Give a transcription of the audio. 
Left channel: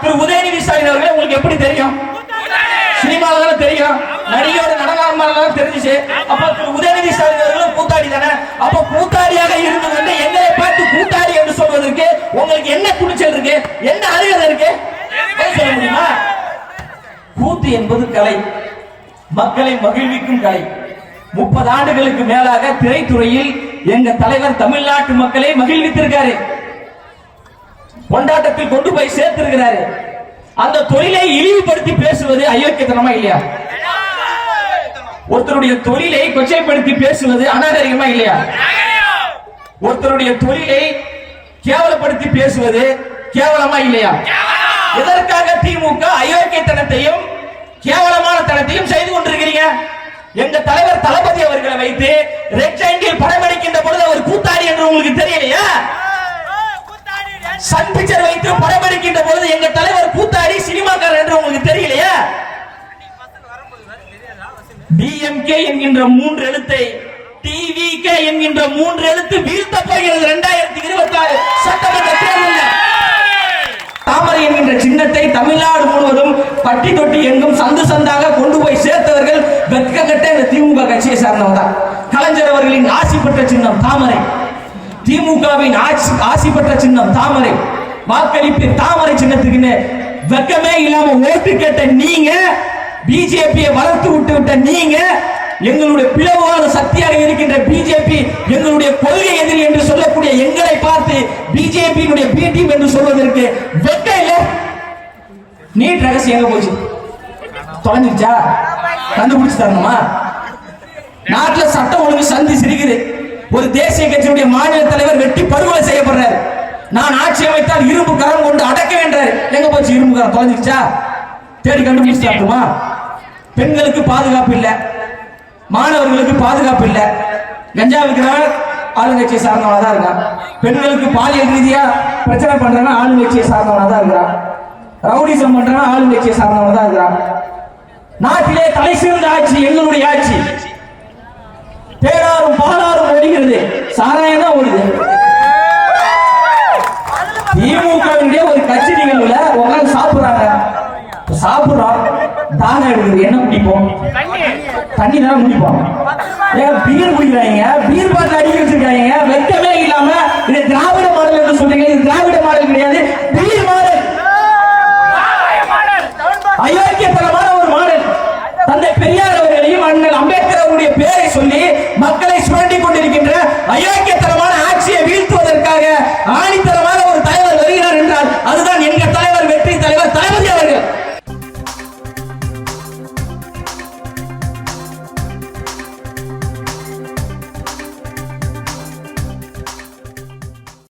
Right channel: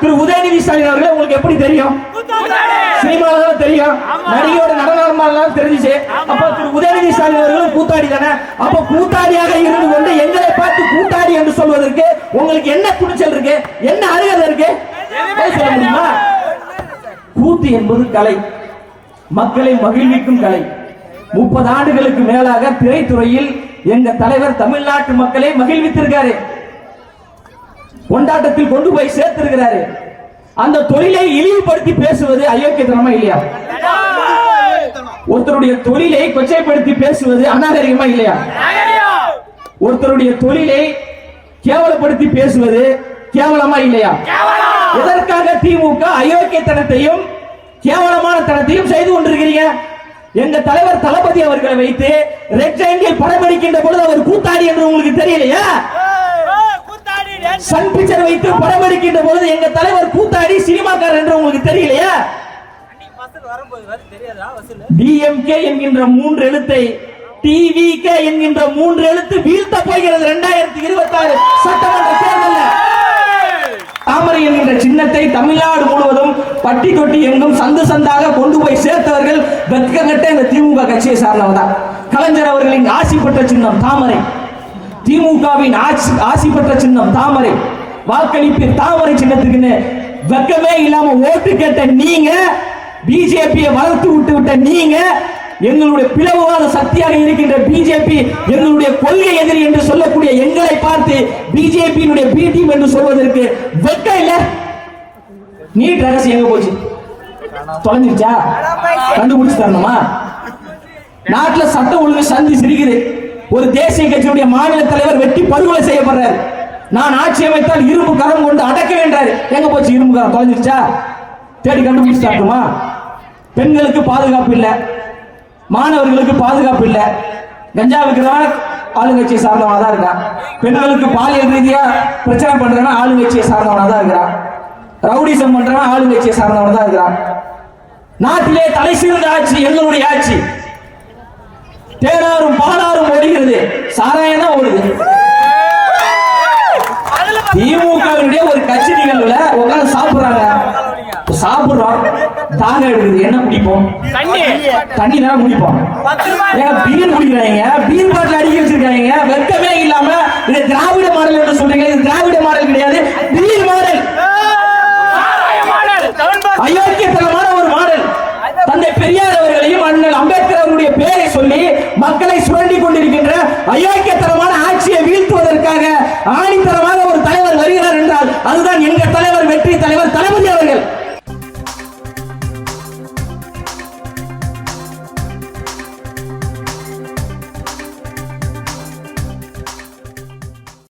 திரு உதயநிதி ஸ்டாலின் அவர்கள் உங்களுக்கு எப்படி தெரியும்? சினிமாவில் தானே தெரியும், நடிகையோட நடனம் தெரிஞ்சிச்சு. அப்ப திரு உதயநிதி ஸ்டாலின் அவர்களும் கூத்தாடி தானே. அப்ப கூத்தாடியாக இருந்து கொண்டு எங்களை பார்த்து கூத்தாடி என்று சொல்வதற்கு உங்களுக்கு என்ன துணிச்சல் இருக்கு? என்ன அருகதை இருக்கு? சொல்ல முடியுமா? கூத்து என்பது கலை, மக்களை மகிழ்விக்கும் கலை. 30 ஆண்டுகளுக்கு மேலாக திரைத்துறையில் எங்க தலைவர் தமிழ்நாட்டு மக்களை மகிழ்வித்திருக்காரு, கொண்டாட்டத்தில் கொண்டு போய் சேர்த்திருக்கிறாரு. அந்த தொழிலை இழிவுபடுத்தி பேசுவது அயோக்கியத்தனமா இல்லையா? ஒருத்தருடைய தொழிலை கொச்சைப்படுத்தி பேசுவது அநாகரிகமா இல்லையா? ஒருத்தருடைய தொழிலை கேவலப்படுத்தி பேசுவது கேவலமா இல்லையா? இதற்காக திமுக அயோக்கியத்தனத்தையும் கேவலமான தனத்தையும் செய்து கொண்டிருக்கிறீங்க. எங்க தலைவர் தளபதி அவர்களை வைத்து ரெக்டாங்கிள் படம் எடுக்கின்ற பொழுது அவர் கூத்தாடி என்று உங்களுக்கு தெரியலையா? சன் பிக்சர் வைத்து படம் எடுக்கின்ற பொழுது எங்க தலைவர் கூத்தாடி சினிமாக்காரர் என்று உங்களுக்கு தெரியலையா? டிஎம்கே என்கின்ற 3 எழுத்தை டிவிகே என்கின்ற 3 எழுத்து வீழ்த்த போகிறது 2026 சட்டமன்ற தேர்தலில். தாமரை என்கின்ற சின்னத்தை தமிழ்நாடு முழுவதும் பட்டி தொட்டி எங்கும் சந்து சந்தாக கொண்டு போய் சேர்த்தவர்கள் வெட்கங்கட்ட இந்த திமுக கட்சியை சார்ந்தவங்க. கலைஞர் அவர்களின் ஆசி பெற்ற சின்னம் தாமரை, திமுகவின் ஆசி பெற்ற சின்னம் தாமரை. வாக்களிப்பு தாமரை சின்னத்துக்கு வெக்கமே இல்லாம ஓட்டு கேட்ட நீங்க, பிஜேபியை வளர்த்து விட்ட நீங்க, எங்களுடைய பிளவாத சக்தியாக இருக்கின்ற பிஜேபி எங்களுடைய கொள்கை எதிரி என்று சொல்லக்கூடிய எங்களை பார்த்து பிஜேபியினுடைய பி டீம் என்று சொல்வதற்கு வெக்க இல்ல. நீட் ரகசியம் எங்க போச்சு? தொலைஞ்சிருச்சா? கண்டுபிடிச்சு தரணுமா? நாட்டில் சட்டம் ஒழுங்கு சந்தி சிரிக்குது. ஒரு தேசிய கட்சியுடைய மாநில தலைவர் வெட்டி படுகொலை செய்யப்படுறாரு. நான் ஆட்சி அமைத்தால் இரும்பு கரம் கொண்டு அடக்க வேண்டாரு. எங்க போச்சு இரும்பு கரம்? தொலைஞ்சிருச்சா? தேடி கண்டுபிடிச்சாட்டுமா? பெண்களுக்கு பாதுகாப்பு இல்ல, மாணவர்களுக்கு பாதுகாப்பு இல்ல. கஞ்சா விற்கிறவன் ஆளுங்கட்சியை சார்ந்தவனா தான் இருக்கான். பெண்களுக்கு பாலியல் ரீதியா பிரச்சனை பண்றவன் ஆளுங்கட்சியை சார்ந்தவனா தான் இருக்கிறான். ரவுடிசம் பண்றவன் ஆளுங்கட்சியை சார்ந்தவனா தான் இருக்கிறான். நாட்டிலே தலை சிறந்த ஆட்சி எங்களுடைய ஆட்சி. தேடாரும் பாலாரும் ஒடுகிறது, சாராயம் தான் ஓடுது. திமுகவுடைய ஒரு கட்சி நிகழ்வுல உட்கார்ந்து சாப்பிடுறாங்க, சாப்பிடுறோம், தானே எடுக்குது. என்ன குடிப்போம்? தண்ணி தான் குடிப்போம். பீர் குடிக்கிறாங்க, பீர் பாட்டில் அடிக்க வச்சிருக்காங்க. வெட்டமே இல்லாம இது திராவிட மாடல் என்று சொல்றீங்க. இது திராவிட